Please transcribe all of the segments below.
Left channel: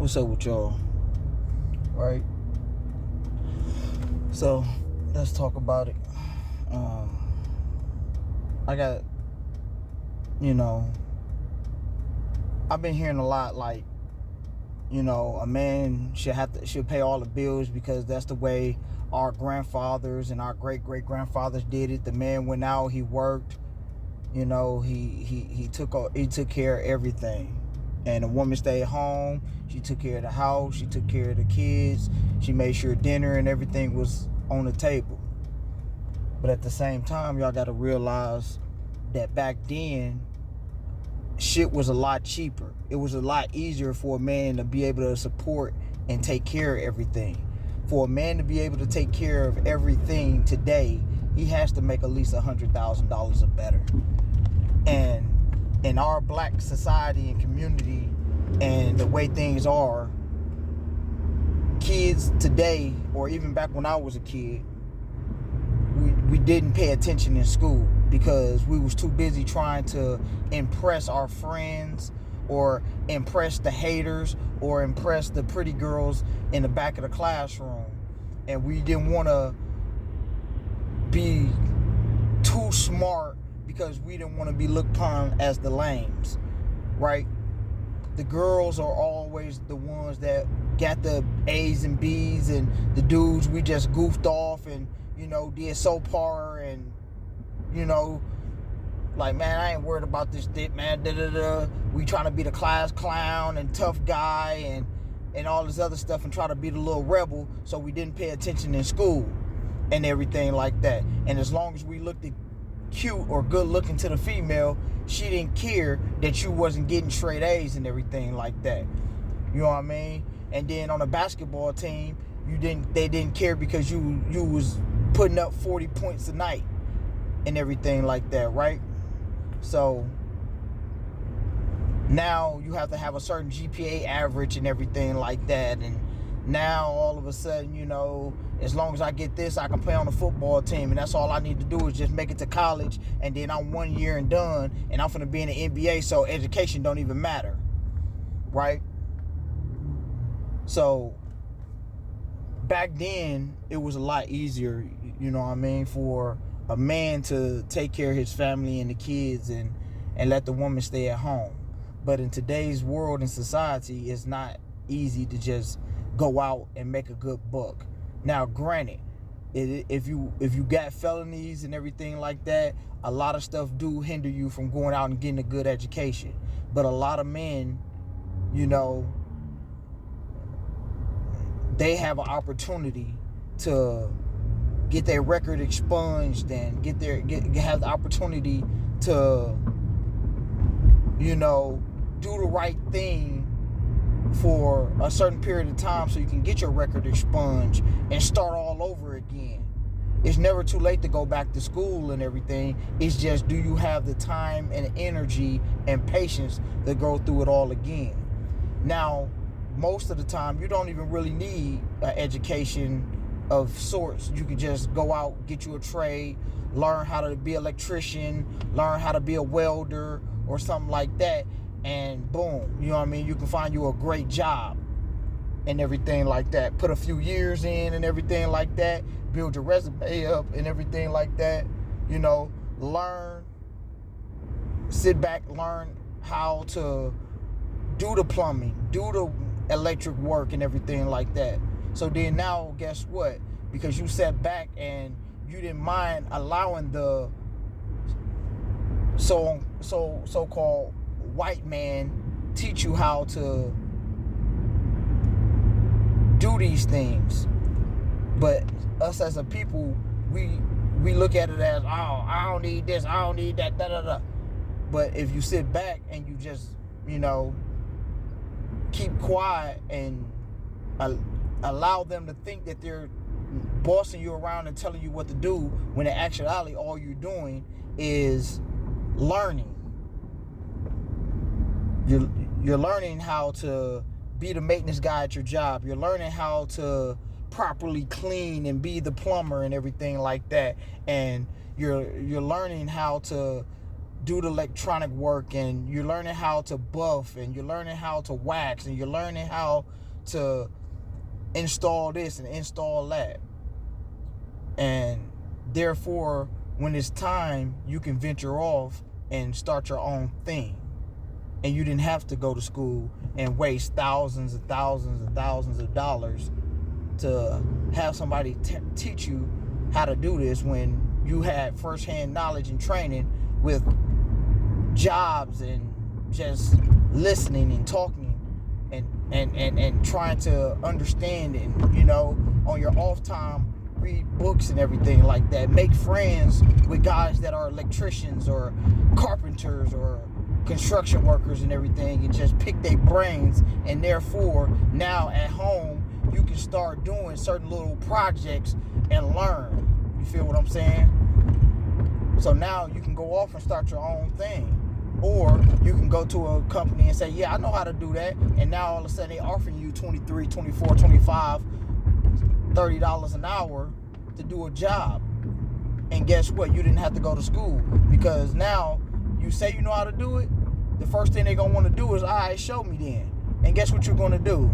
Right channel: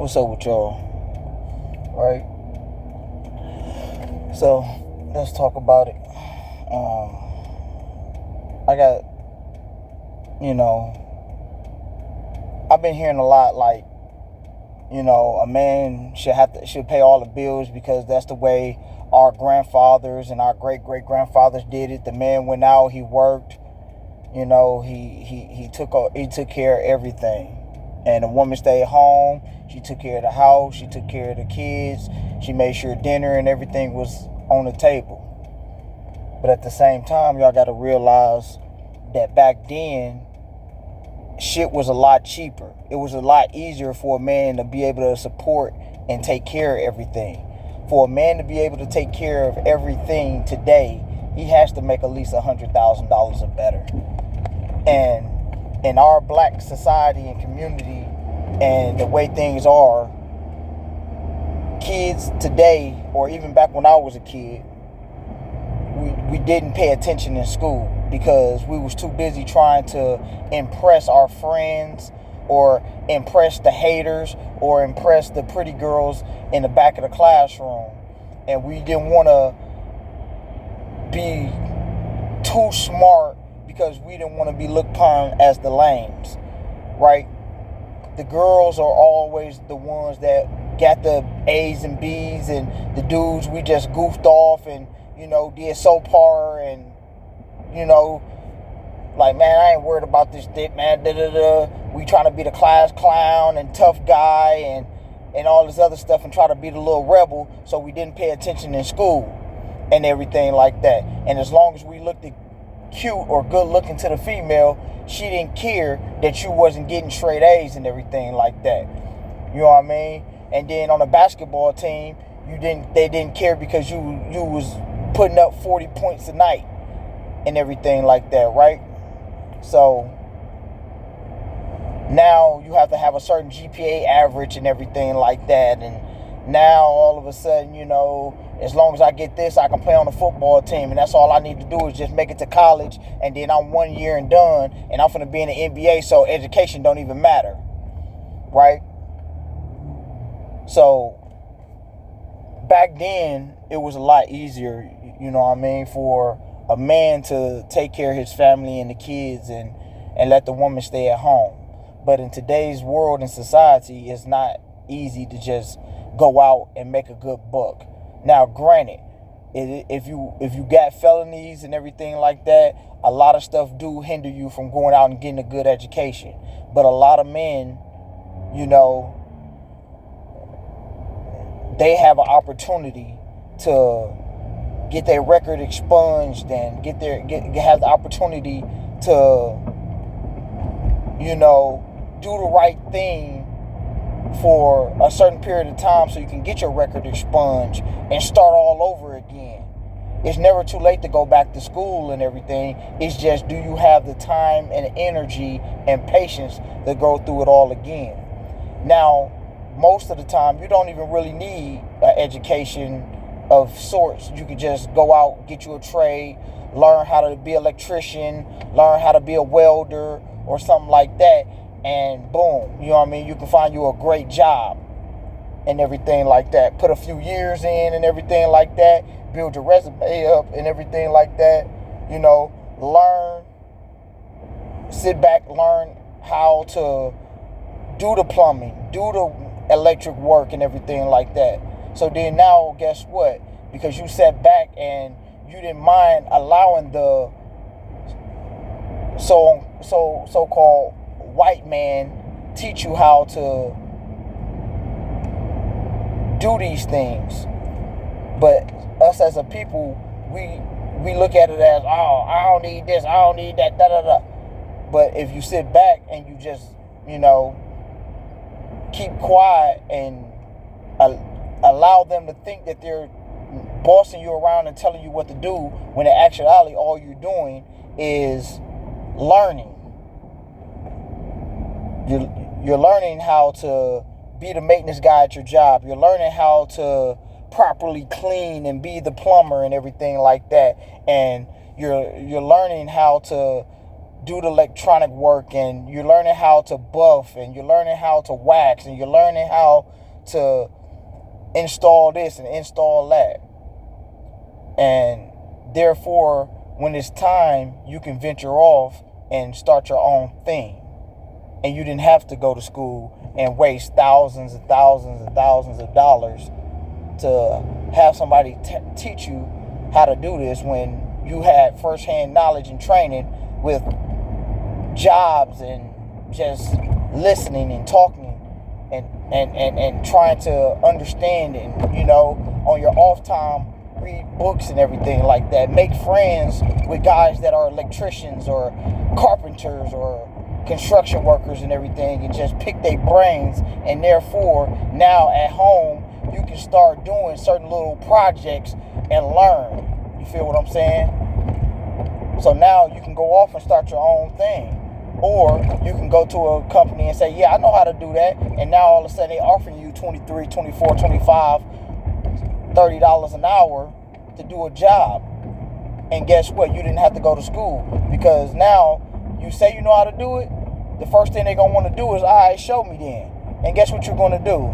What's up with y'all? Right? So, let's talk about it. I got, I've been hearing a lot like, a man should pay all the bills because that's the way our grandfathers and our great-great-grandfathers did it. The man went out, he worked, he took care of everything. And the woman stayed home. She took care of the house. She took care of the kids. She made sure dinner and everything was on the table. But at the same time, y'all got to realize that back then, shit was a lot cheaper. It was a lot easier for a man to be able to support and take care of everything. For a man to be able to take care of everything today, he has to make at least $100,000 or better. And in our black society and community and the way things are, kids today, or even back when I was a kid, we didn't pay attention in school because we was too busy trying to impress our friends or impress the haters or impress the pretty girls in the back of the classroom. And we didn't want to be too smart because we didn't want to be looked upon as the lames, right? The girls are always the ones that got the A's and B's, and the dudes, we just goofed off and, did soap opera and, like, man, I ain't worried about this dick, man, We trying to be the class clown and tough guy and all this other stuff and try to be the little rebel, so we didn't pay attention in school and everything like that. And as long as we looked cute or good looking to the female, she didn't care that you wasn't getting straight A's and everything like that. You know what I mean? And then on a basketball team, they didn't care because you was putting up 40 points a night and everything like that, right? So now you have to have a certain GPA average and everything like that. And now all of a sudden, as long as I get this, I can play on the football team. And that's all I need to do is just make it to college. And then I'm 1 year and done. And I'm going to be in the NBA. So education don't even matter. Right? So back then, it was a lot easier, for a man to take care of his family and the kids and let the woman stay at home. But in today's world and society, it's not easy to just go out and make a good buck. Now, granted, if you got felonies and everything like that, a lot of stuff do hinder you from going out and getting a good education. But a lot of men, they have an opportunity to get their record expunged and have the opportunity to, do the right thing for a certain period of time so you can get your record expunged and start all over again. It's never too late to go back to school and everything. It's just, do you have the time and energy and patience to go through it all again? Now, most of the time, you don't even really need an education of sorts. You can just go out, get you a trade, learn how to be an electrician, learn how to be a welder or something like that, and boom, you can find you a great job and everything like that. Put a few years in and everything like that, build your resume up and everything like that, learn, sit back, learn how to do the plumbing, do the electric work and everything like that. So then now, guess what? Because you sat back and you didn't mind allowing the so-called white man teach you how to do these things. But us as a people, we look at it as, oh, I don't need this, I don't need that, da-da-da. But if you sit back and you just, keep quiet and allow them to think that they're bossing you around and telling you what to do, when in actuality all you're doing is learning. You're learning how to be the maintenance guy at your job. You're learning how to properly clean and be the plumber and everything like that. And you're learning how to do the electronic work, and you're learning how to buff, and you're learning how to wax, and you're learning how to install this and install that. And therefore, when it's time, you can venture off and start your own thing. And you didn't have to go to school and waste thousands and thousands and thousands of dollars to have somebody teach you how to do this, when you had firsthand knowledge and training with jobs and just listening and talking and trying to understand, and, you know, on your off time, read books and everything like that. Make friends with guys that are electricians or carpenters or construction workers and everything, and just pick their brains. And therefore, now at home, you can start doing certain little projects and learn. You feel what I'm saying? So now you can go off and start your own thing. Or you can go to a company and say, yeah, I know how to do that. And now all of a sudden they're offering you $23, $24, $25, $30 an hour to do a job. And guess what? You didn't have to go to school, because now you say you know how to do it. The first thing they're going to want to do is, all right, show me then. And guess what you're going to do?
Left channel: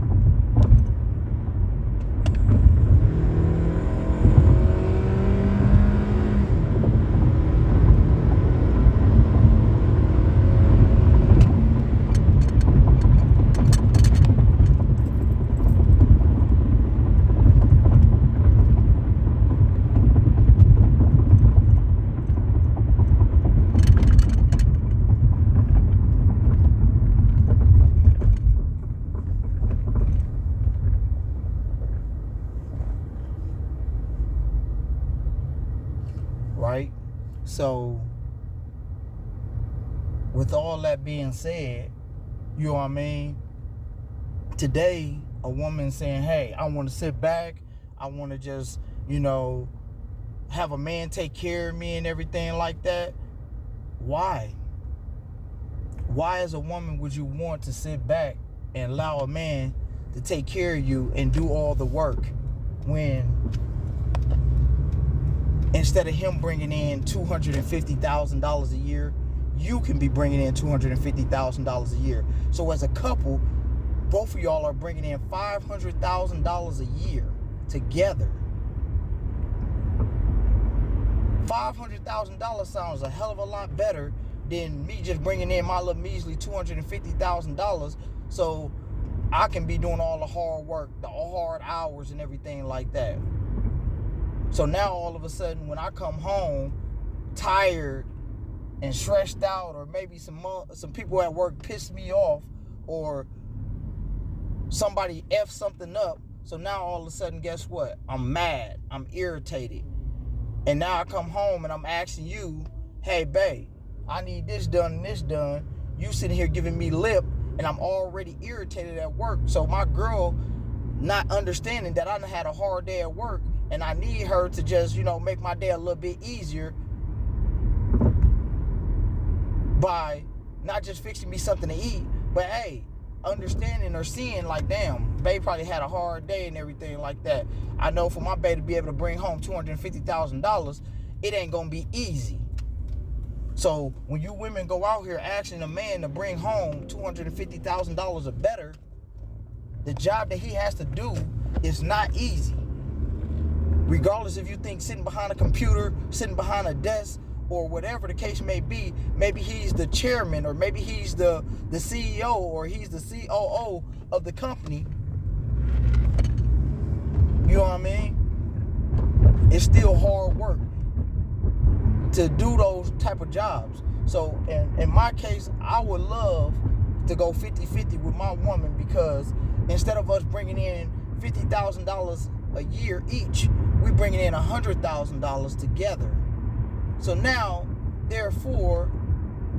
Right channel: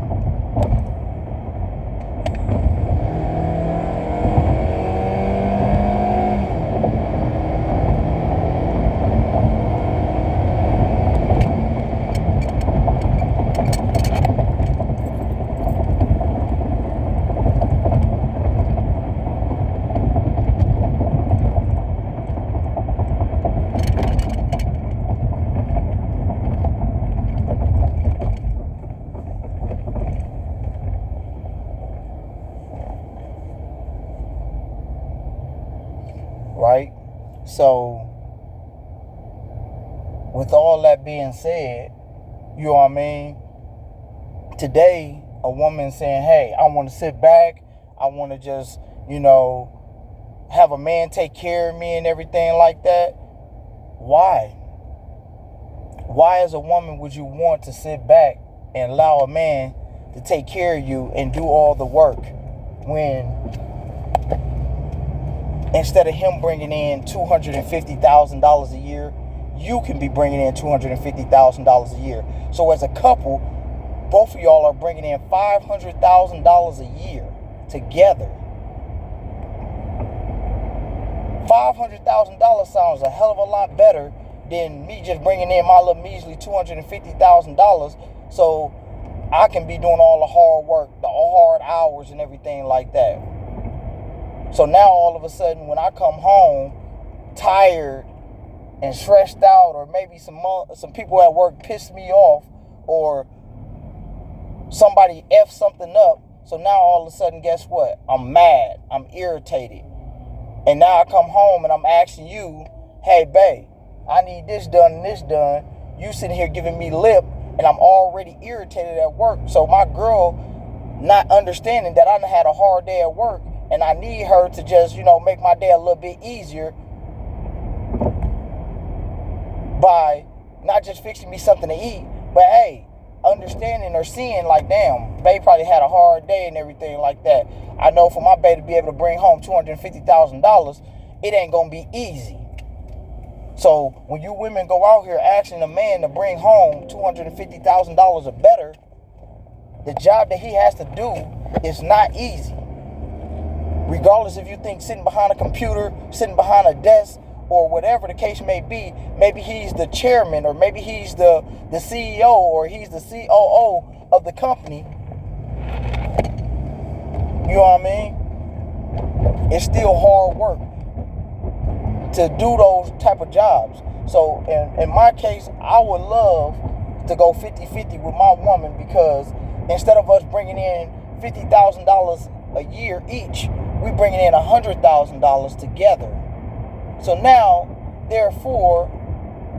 Right? So, with all that being said, you know what I mean? Today, a woman saying, hey, I want to sit back. I want to just, you know, have a man take care of me and everything like that. Why? Why, as a woman, would you want to sit back and allow a man to take care of you and do all the work, when instead of him bringing in $250,000 a year, you can be bringing in $250,000 a year? So as a couple, both of y'all are bringing in $500,000 a year together. $500,000 sounds a hell of a lot better than me just bringing in my little measly $250,000, so I can be doing all the hard work, the hard hours and everything like that. So now all of a sudden, when I come home tired and stressed out, or maybe some people at work piss me off, or somebody F something up, so now all of a sudden, guess what? I'm mad, I'm irritated. And now I come home and I'm asking you, hey, babe, I need this done and this done. You sitting here giving me lip, and I'm already irritated at work. So my girl, not understanding that I done had a hard day at work, and I need her to just, you know, make my day a little bit easier by not just fixing me something to eat, but hey, understanding or seeing like, damn, babe probably had a hard day and everything like that. I know for my babe to be able to bring home $250,000, it ain't gonna be easy. So when you women go out here asking a man to bring home $250,000 or better, the job that he has to do is not easy. Regardless if you think sitting behind a computer, sitting behind a desk, or whatever the case may be, maybe he's the chairman, or maybe he's the CEO, or he's the COO of the company. You know what I mean? It's still hard work to do those type of jobs. So in my case, I would love to go 50-50 with my woman, because instead of us bringing in $50,000 a year each, we bringing in $100,000 together. So now, therefore,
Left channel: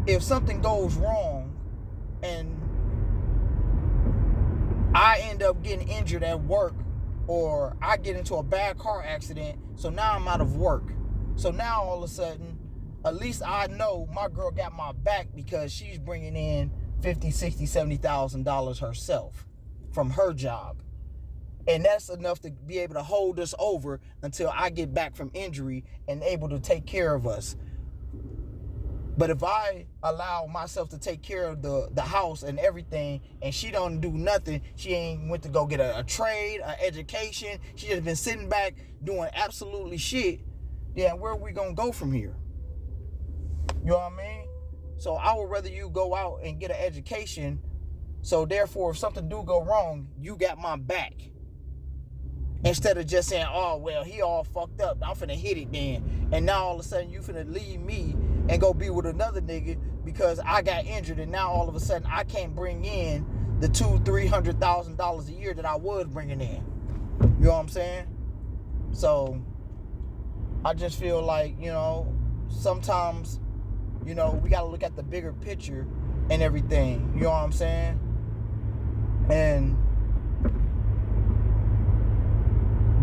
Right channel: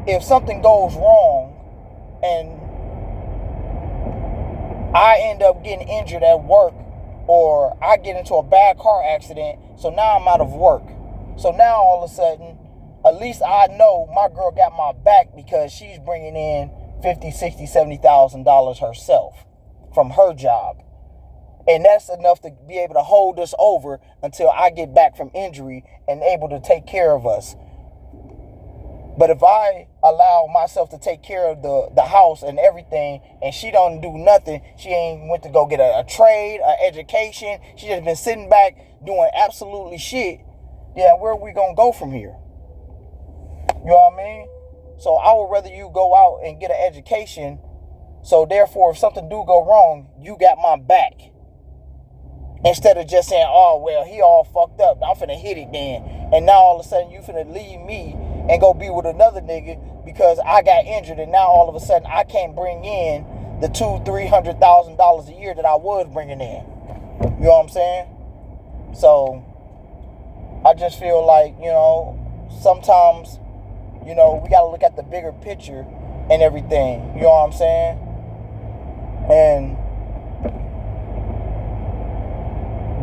if something goes wrong and I end up getting injured at work, or I get into a bad car accident, so now I'm out of work. So now all of a sudden, at least I know my girl got my back, because she's bringing in $50,000, $60,000, $70,000 herself from her job. And that's enough to be able to hold us over until I get back from injury and able to take care of us. But if I allow myself to take care of the house and everything, and she don't do nothing, she ain't went to go get a trade, an education, she just been sitting back doing absolutely shit, yeah, where are we gonna go from here? You know what I mean? So I would rather you go out and get an education, so therefore if something do go wrong, you got my back. Instead of just saying, oh, well, he all fucked up, I'm finna hit it then. And now all of a sudden you finna leave me and go be with another nigga because I got injured, and now all of a sudden I can't bring in the $200,000-$300,000 a year that I was bringing in. You know what I'm saying? So I just feel like, sometimes, we gotta look at the bigger picture and everything. You know what I'm saying? And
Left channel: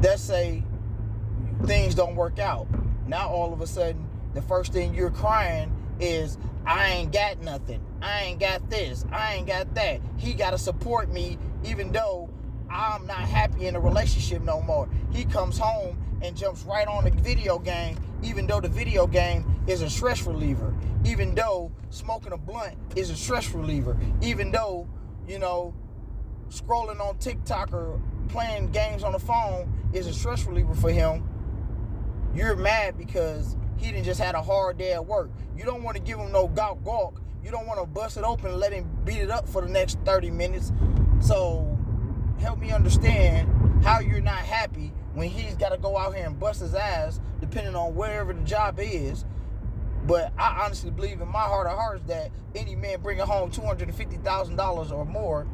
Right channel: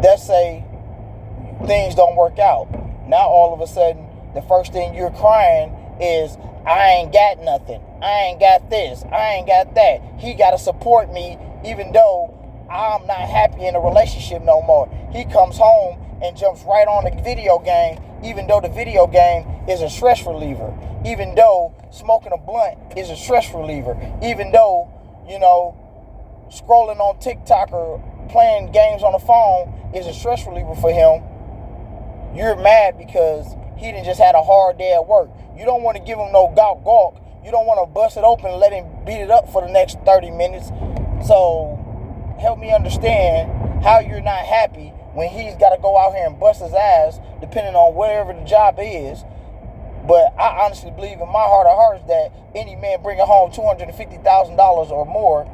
let's say things don't work out. Now all of a sudden, the first thing you're crying is, I ain't got nothing. I ain't got this. I ain't got that. He got to support me even though I'm not happy in a relationship no more. He comes home and jumps right on the video game, even though the video game is a stress reliever. Even though smoking a blunt is a stress reliever. Even though, scrolling on TikTok or playing games on the phone is a stress reliever for him. You're mad because he done just had a hard day at work. You don't want to give him no gawk. You don't want to bust it open and let him beat it up for the next 30 minutes. So help me understand how you're not happy when he's got to go out here and bust his ass, depending on wherever the job is. But I honestly believe in my heart of hearts that any man bringing home $250,000 or more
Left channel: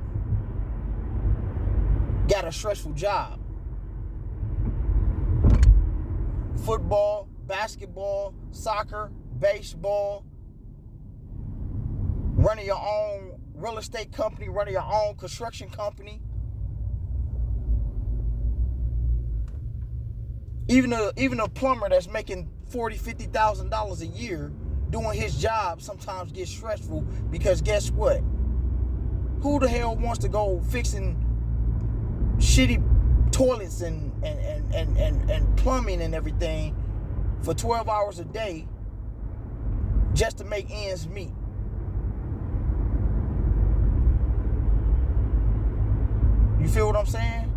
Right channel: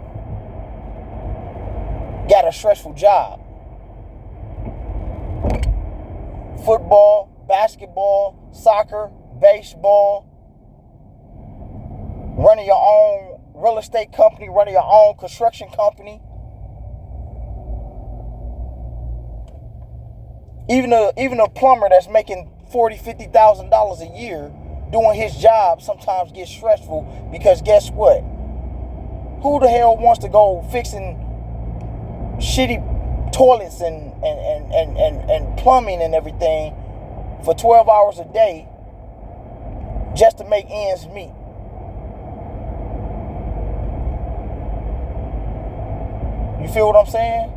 got a stressful job. Football, basketball, soccer, baseball, running your own real estate company, running your own construction company. Even a plumber that's making $40,000, $50,000 a year doing his job sometimes gets stressful because guess what? Who the hell wants to go fixing shitty toilets and plumbing and everything for 12 hours a day just to make ends meet? You feel what I'm saying?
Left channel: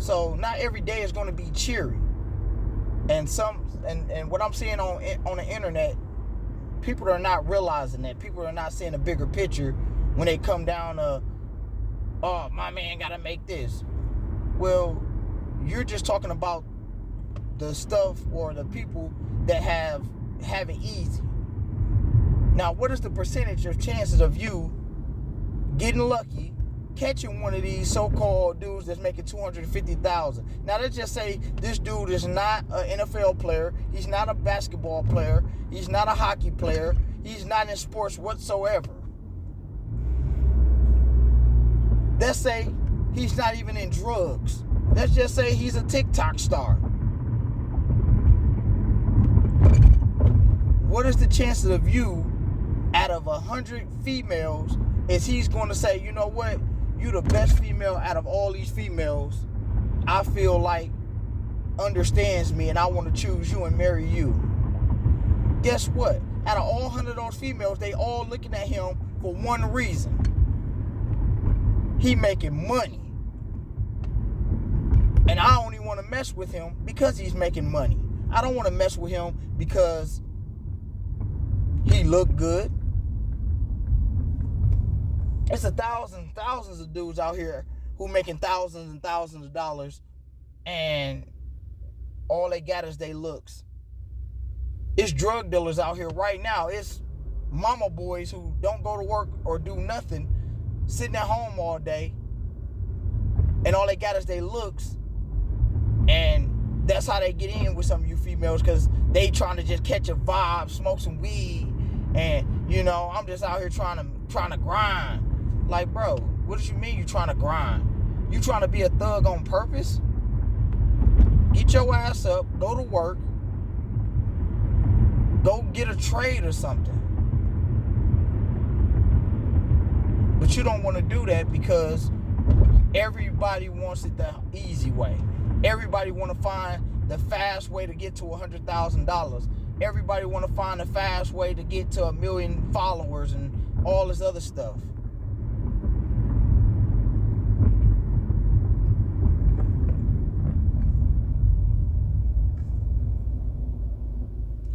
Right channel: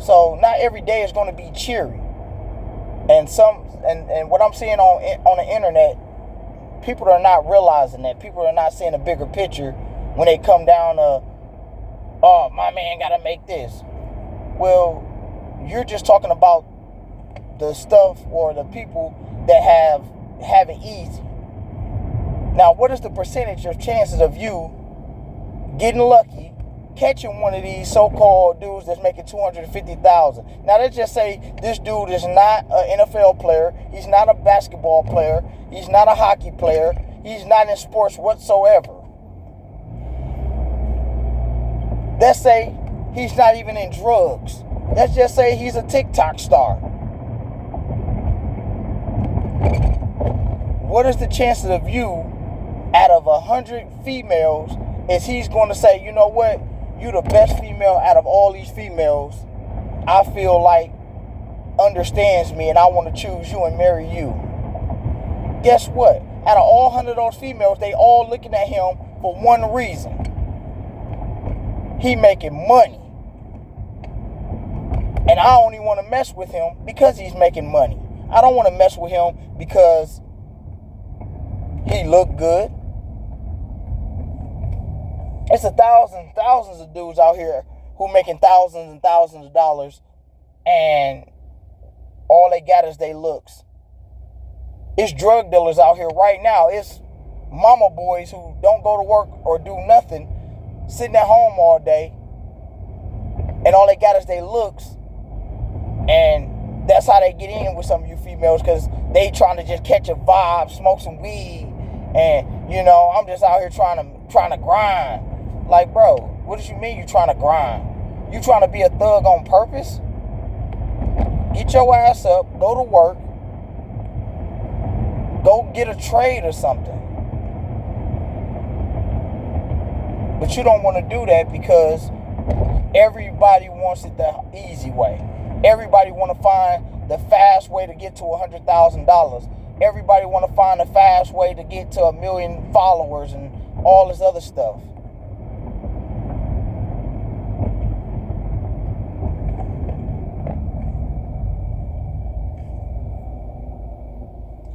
So not every day is going to be cheery. And what I'm seeing on the internet, people are not realizing that. People are not seeing a bigger picture when they come down to, oh, my man got to make this. Well, you're just talking about the stuff or the people that have it easy. Now, what is the percentage of chances of you getting lucky, catching one of these so-called dudes that's making $250,000? Now, let's just say this dude is not an NFL player. He's not a basketball player. He's not a hockey player. He's not in sports whatsoever. Let's say he's not even in drugs. Let's just say he's a TikTok star. What is the chances of you, out of 100 females, is he's going to say, you know what? You the best female out of all these females. I feel like understands me and I want to choose you and marry you. Guess what? Out of all 100 of those females, they all looking at him for one reason. He making money. And I only want to mess with him because he's making money. I don't want to mess with him because he look good. It's thousands of dudes out here who making thousands and thousands of dollars, and all they got is their looks. It's drug dealers out here right now. It's mama boys who don't go to work or do nothing, sitting at home all day, and all they got is their looks. And that's how they get in with some of you females, because they trying to just catch a vibe, smoke some weed, and I'm just out here trying to grind. Like, bro, what do you mean you trying to grind? You trying to be a thug on purpose? Get your ass up, go to work, go get a trade or something. But you don't want to do that because everybody wants it the easy way. Everybody want to find the fast way to get to $100,000. everybody want to find a fast way to get to 1 million followers and all this other stuff.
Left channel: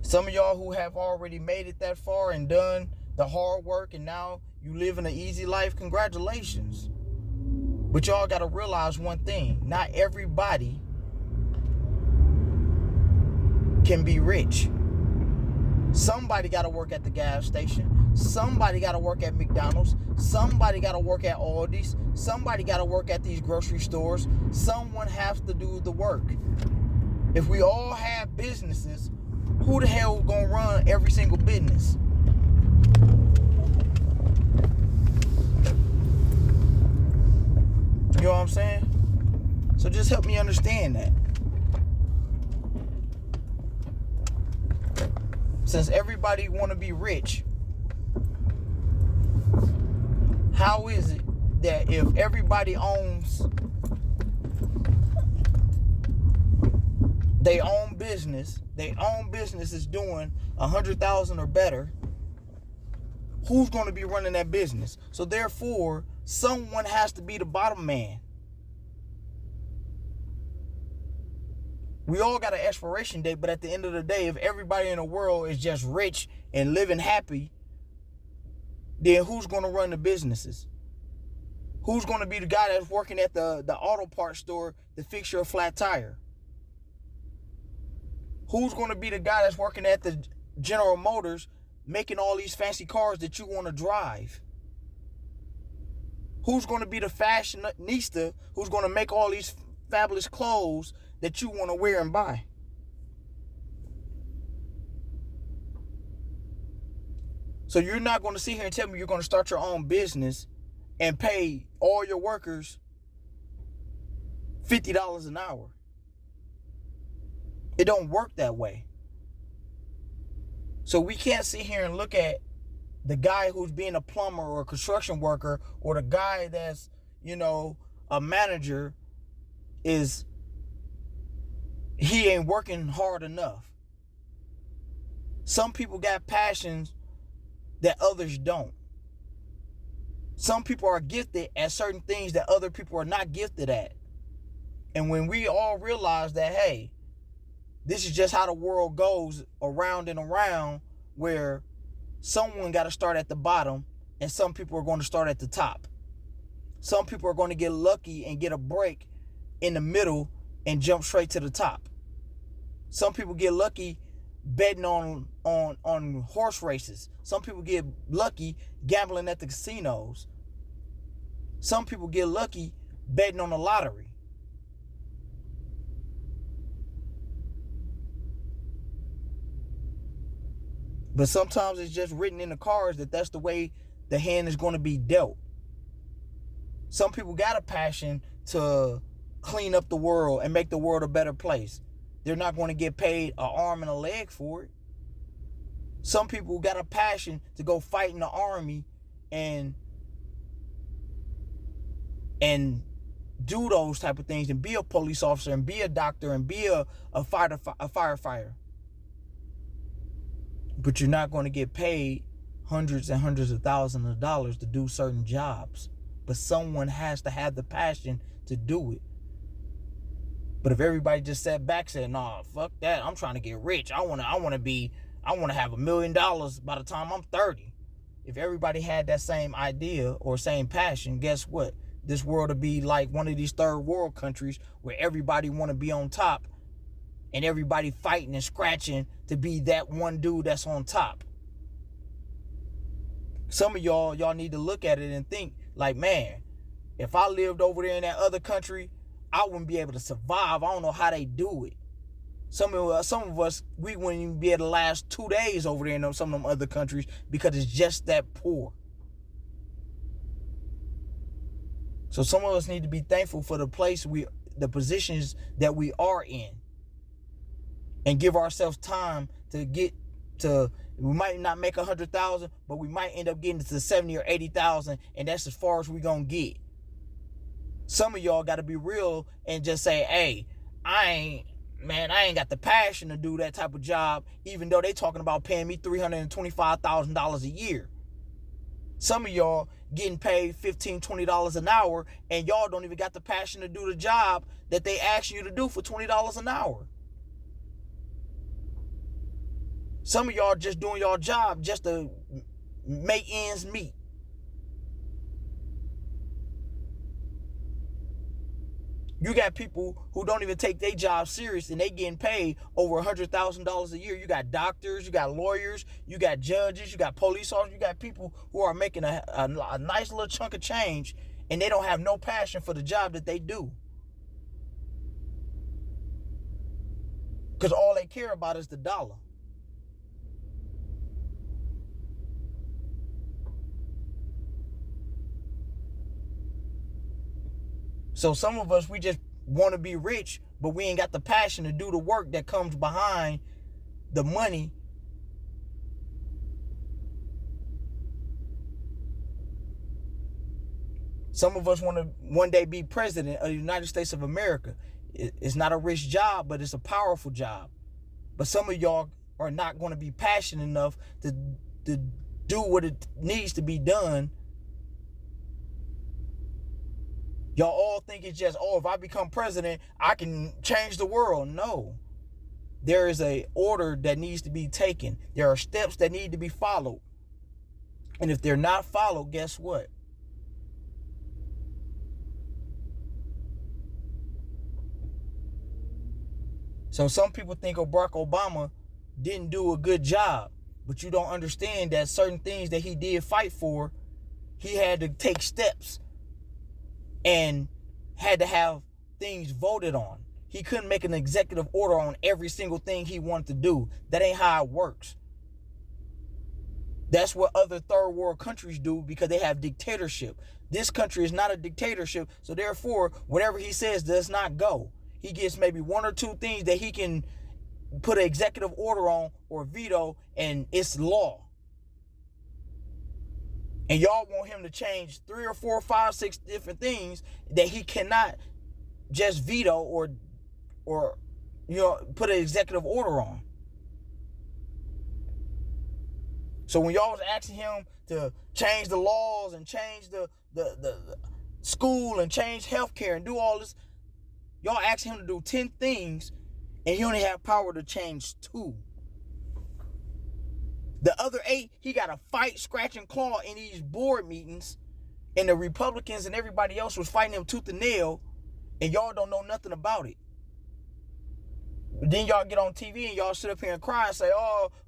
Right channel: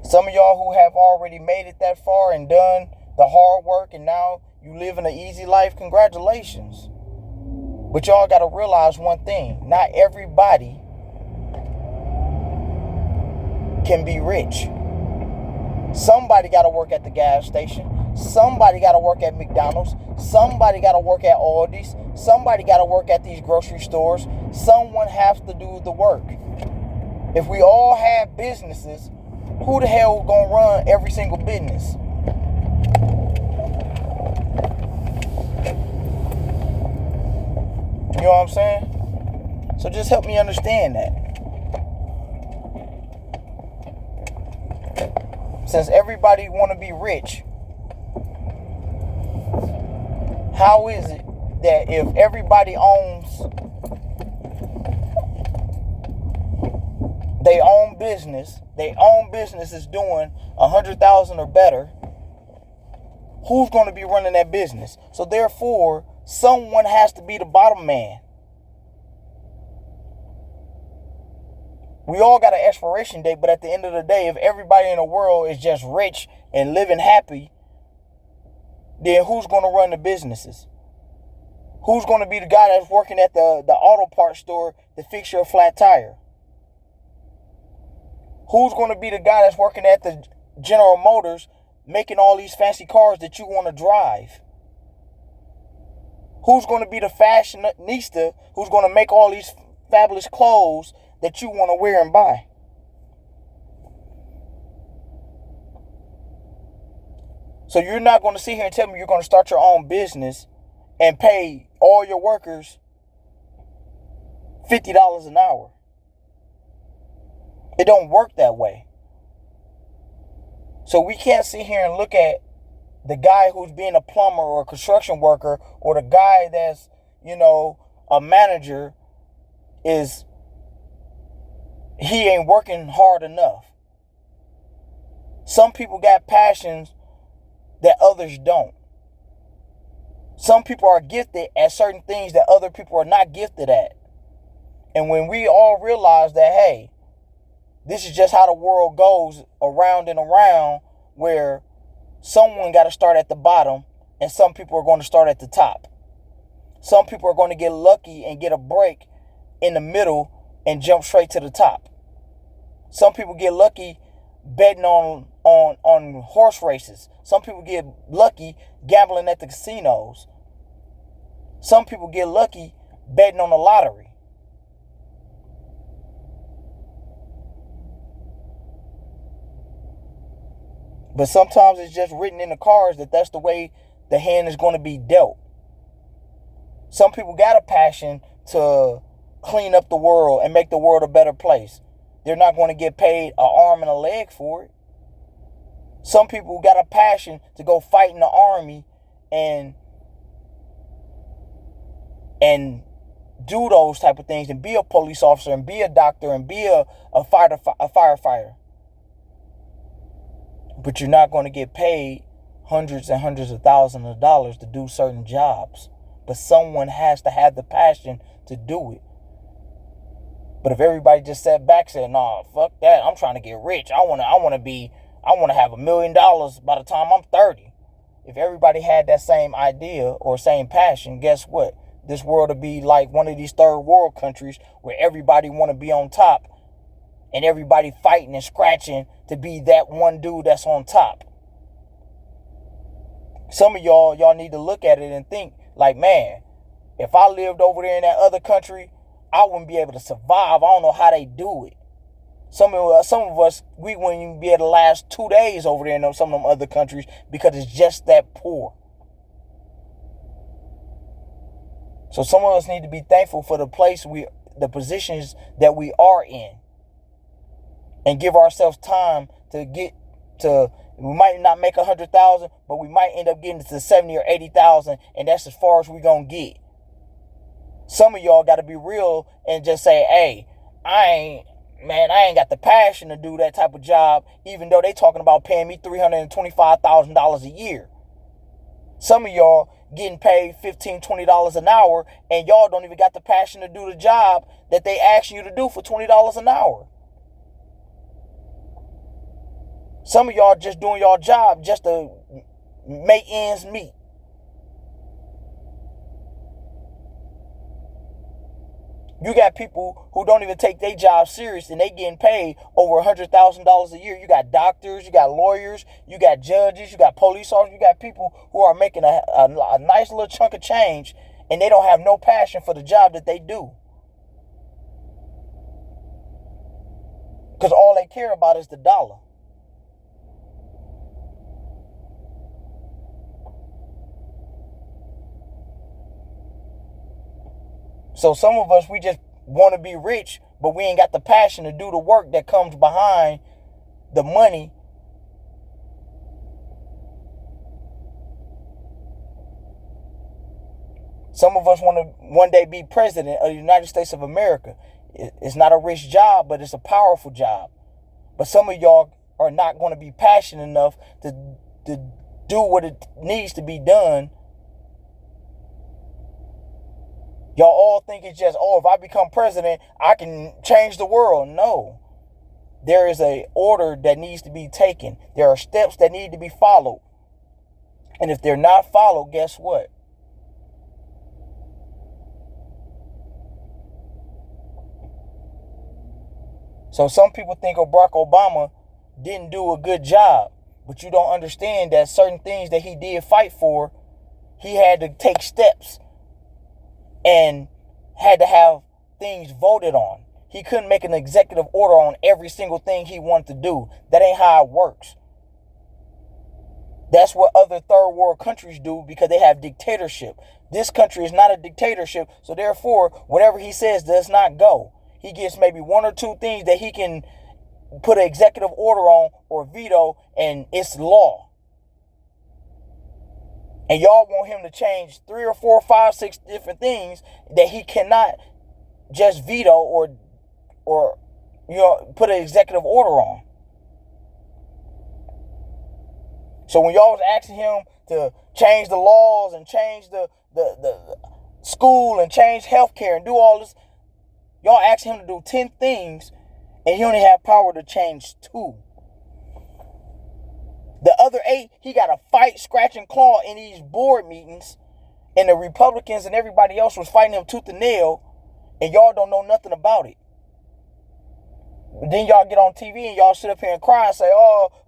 Some of y'all who have already made it that far and done the hard work and now you live in an easy life, congratulations. But y'all got to realize one thing. Not everybody can be rich. Somebody got to work at the gas station. Somebody got to work at McDonald's. Somebody got to work at Aldi's. Somebody got to work at these grocery stores. Someone has to do the work. If we all have businesses, who the hell gonna run every single business? You know what I'm saying? So just help me understand that. Since everybody want to be rich, how is it that if everybody owns their own business is doing 100,000 or better, who's going to be running that business? So therefore, someone has to be the bottom man. We all got an expiration date, but at the end of the day, if everybody in the world is just rich and living happy, then who's going to run the businesses? Who's going to be the guy that's working at the auto parts store to fix your flat tire? Who's going to be the guy that's working at the General Motors making all these fancy cars that you want to drive? Who's going to be the fashionista who's going to make all these fabulous clothes that you want to wear and buy? So you're not going to sit here and tell me you're going to start your own business and pay all your workers $50 an hour. It don't work that way. So we can't sit here and look at the guy who's being a plumber or a construction worker, or the guy that's, a manager, he ain't working hard enough. Some people got passions that others don't. Some people are gifted at certain things that other people are not gifted at. And when we all realize that, hey, this is just how the world goes around and around, where someone got to start at the bottom and some people are going to start at the top. Some people are going to get lucky and get a break in the middle and jump straight to the top. Some people get lucky betting on horse races. Some people get lucky gambling at the casinos. Some people get lucky betting on the lottery. But sometimes it's just written in the cards that that's the way the hand is going to be dealt. Some people got a passion to clean up the world and make the world a better place. They're not going to get paid an arm and a leg for it. Some people got a passion to go fight in the army and do those type of things and be a police officer and be a doctor and be a firefighter. But you're not going to get paid hundreds and hundreds of thousands of dollars to do certain jobs. But someone has to have the passion to do it. But if everybody just sat back and said, nah, fuck that, I'm trying to get rich. I want to have $1 million by the time I'm 30. If everybody had that same idea or same passion, guess what? This world would be like one of these third world countries where everybody want to be on top and everybody fighting and scratching to be that one dude that's on top. Some of y'all need to look at it and think like, man, if I lived over there in that other country, I wouldn't be able to survive. I don't know how they do it. Some of us, we wouldn't even be able to last 2 days over there in some of them other countries because it's just that poor. So some of us need to be thankful for the positions that we are in, and give ourselves time to get to. We might not make 100,000, but we might end up getting to 70 or 80,000, and that's as far as we're gonna get. Some of y'all got to be real and just say, hey, man, I ain't got the passion to do that type of job, even though they talking about paying me $325,000 a year. Some of y'all getting paid $15, $20 an hour, and y'all don't even got the passion to do the job that they ask you to do for $20 an hour. Some of y'all just doing your job just to make ends meet. You got people who don't even take their job serious, and they getting paid over $100,000 a year. You got doctors, you got lawyers, you got judges, you got police officers, you got people who are making a nice little chunk of change, and they don't have no passion for the job that they do. Because all they care about is the dollar. So some of us, we just want to be rich, but we ain't got the passion to do the work that comes behind the money. Some of us want to one day be president of the United States of America. It's not a rich job, but it's a powerful job. But some of y'all are not going to be passionate enough to do what it needs to be done. Y'all all think it's just, if I become president, I can change the world. No. There is an order that needs to be taken. There are steps that need to be followed. And if they're not followed, guess what? So some people think Barack Obama didn't do a good job, but you don't understand that certain things that he did fight for, he had to take steps and had to have things voted on. He couldn't make an executive order on every single thing he wanted to do. That ain't how it works. That's what other third world countries do because they have dictatorship. This country is not a dictatorship, so therefore, whatever he says does not go. He gets maybe one or two things that he can put an executive order on or veto, and it's law. And y'all want him to change 3 or 4 or 5, 6 different things that he cannot just veto or put an executive order on. So when y'all was asking him to change the laws and change the school and change healthcare and do all this, y'all asked him to do 10 things, and he only had power to change 2. The other 8, he got to fight, scratch, and claw in these board meetings, and the Republicans and everybody else was fighting him tooth and nail, and y'all don't know nothing about it. Then y'all get on TV and y'all sit up here and cry and say,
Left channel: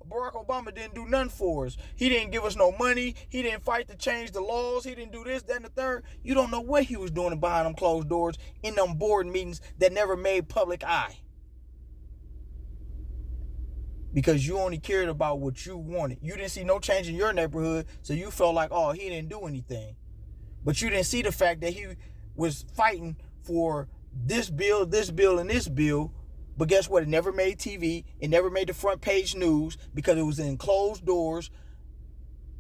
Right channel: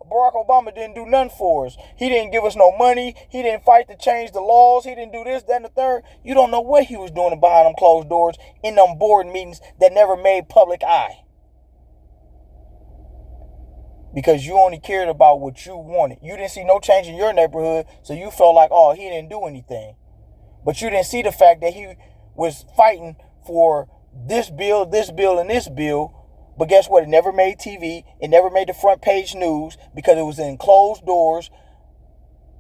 Barack Obama didn't do nothing for us. He didn't give us no money. He didn't fight to change the laws. He didn't do this, that, and the third. You don't know what he was doing behind them closed doors in them board meetings that never made public eye. Because you only cared about what you wanted. You didn't see no change in your neighborhood, so you felt like, he didn't do anything. But you didn't see the fact that he was fighting for this bill, and this bill. But guess what? It never made TV. It never made the front page news because it was in closed doors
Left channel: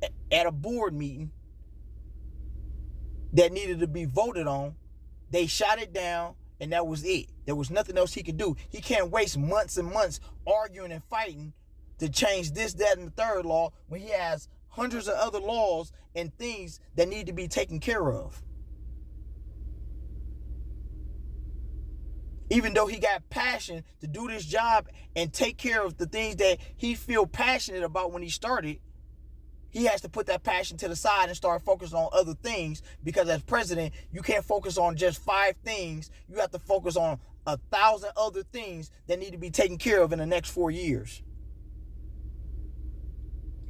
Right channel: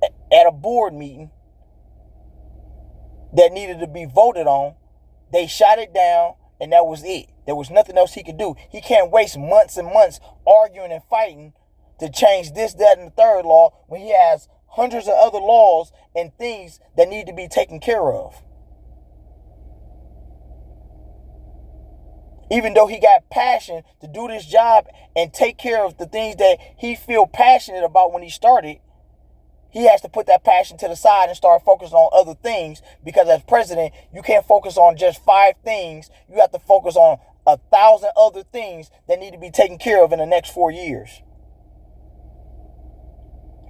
at a board meeting that needed to be voted on. They shot it down, and that was it. There was nothing else he could do. He can't waste months and months arguing and fighting to change this, that, and the third law when he has hundreds of other laws and things that need to be taken care of. Even though he got passion to do this job and take care of the things that he feel passionate about when he started, he has to put that passion to the side and start focusing on other things, because as president, you can't focus on just 5 things. You have to focus on 1,000 other things that need to be taken care of in the next 4 years.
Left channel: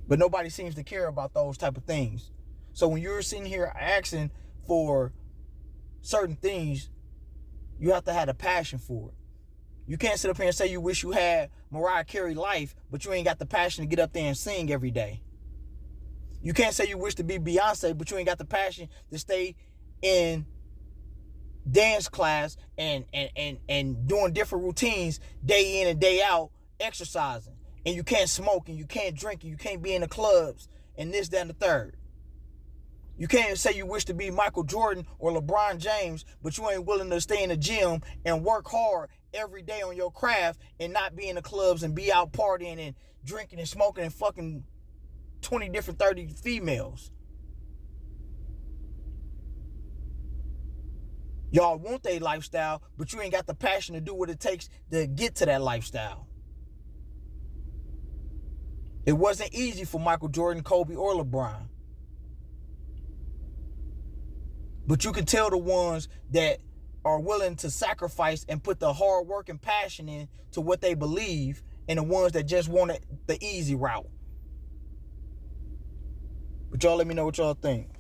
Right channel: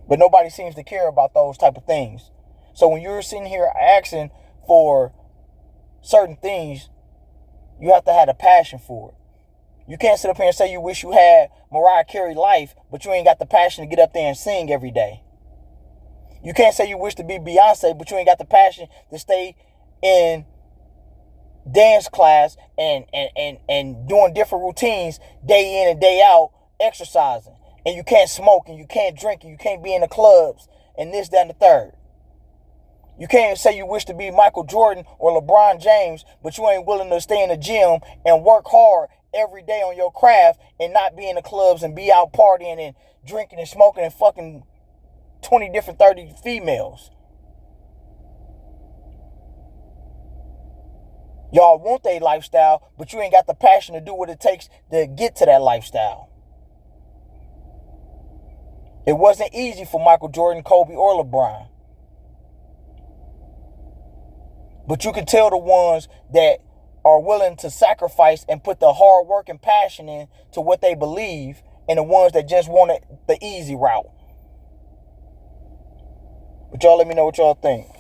But nobody seems to care about those type of things. So when you're sitting here asking for certain things, you have to have a passion for it. You can't sit up here and say you wish you had Mariah Carey life, but you ain't got the passion to get up there and sing every day. You can't say you wish to be Beyonce, but you ain't got the passion to stay in dance class and doing different routines day in and day out, exercising. And you can't smoke, and you can't drink, and you can't be in the clubs and this, that, and the third. You can't say you wish to be Michael Jordan or LeBron James, but you ain't willing to stay in the gym and work hard every day on your craft and not be in the clubs and be out partying and drinking and smoking and fucking 20 different 30 females. Y'all want their lifestyle, but you ain't got the passion to do what it takes to get to that lifestyle. It wasn't easy for Michael Jordan, Kobe, or LeBron. But you can tell the ones that are willing to sacrifice and put the hard work and passion in to what they believe, and the ones that just wanted the easy route. But y'all let me know what y'all think.